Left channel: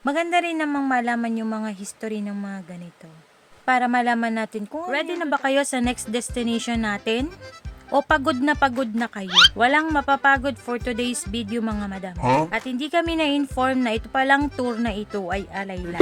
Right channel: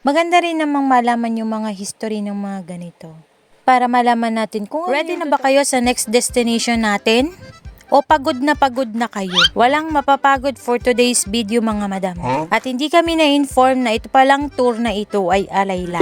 Maganda rin namang malaman yung mga history ng mga ganito. Para malaman natin kung ready na ba kayo sa next destination natin? O pagod na kayo? Walang mapapagod for today's video mga madam. At hindi kami na-inform na ito palang tour na ito ay alay lang.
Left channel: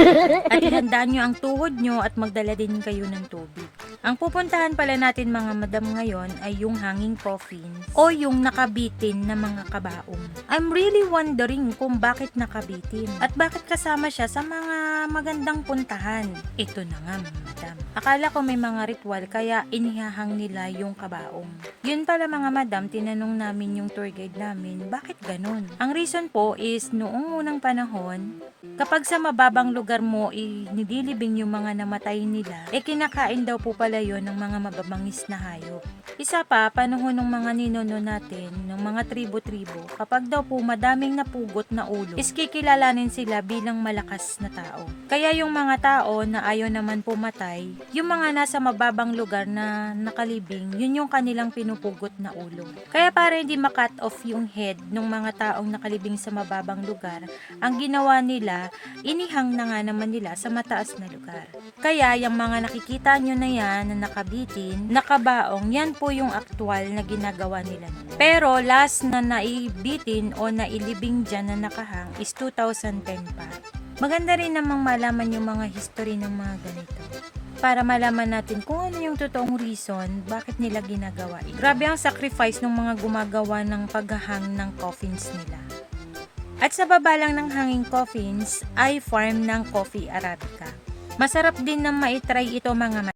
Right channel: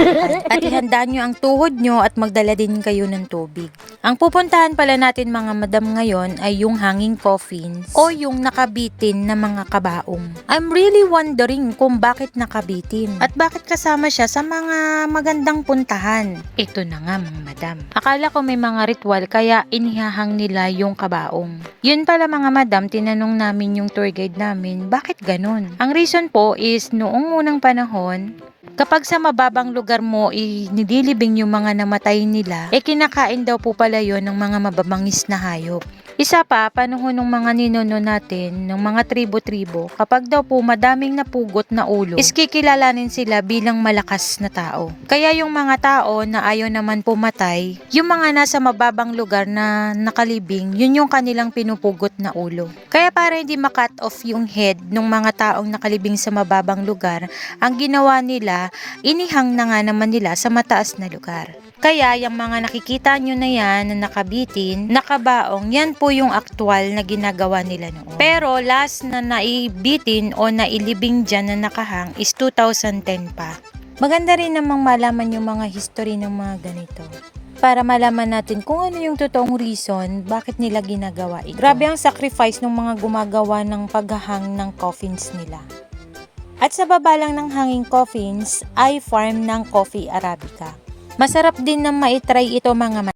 At ihandaan nyo ang tuhod nyo at magdala din kayo ng tubig. Ang pupuntahan pala natin mga madam ngayon ay yung hanging coffins o yung nakabitin na mga kabaong. I'm really wondering kung bakit nakabitin at bakit kasama siya sa mga magandang puntahan. Ito na nga mga madam. Akala ko may mga ritual kaya inihahang nila yung kabaong. Yun pala mga madam, tinanong namin yung tour guide namin, bakit ganun? Ang reason po is noong unang panahon, kapag sa mababang lugar mo nililibing yung mga namatay nila, kinakain daw po pala yun ng mga mababangis na hayop. Isa pa, panahon ng mga ninuno natin, ng mga tribo-tribo, kapag daw po madaming napugot na ulo, kikilalanin sila bilang malakas na tao. Kaya yung mga tao na ayaw naman pumatay, yung mga nasa mababang lugar na nakalibing, yun yung kanilang pinupugot na ulo. Kaya para hindi makat off yung head ng mga taong nakalibing sa mababang lugar, ang ginawa nila, inihang na nga naman nila sa mataas na lugar. Kaya yung mga nakikita nyo na yan na nakabitin, nakabaong, yan po yung aktual na ginagawa nila noon. Pero last na naibitin o nailibing dyan na nakahang is 2010 pa. Maganda rin namang malaman yung mga history ng mga ganito. Para malaman natin kung ano yung totoong reason bakit nila ginagawa ito. Grabe ang sacrifice ng mga gumagawa ng paghahang ng coffins nila. At sa baba lang ng hanging coffins ay farm ng coffee arabica. Masarap din na maitry ito mga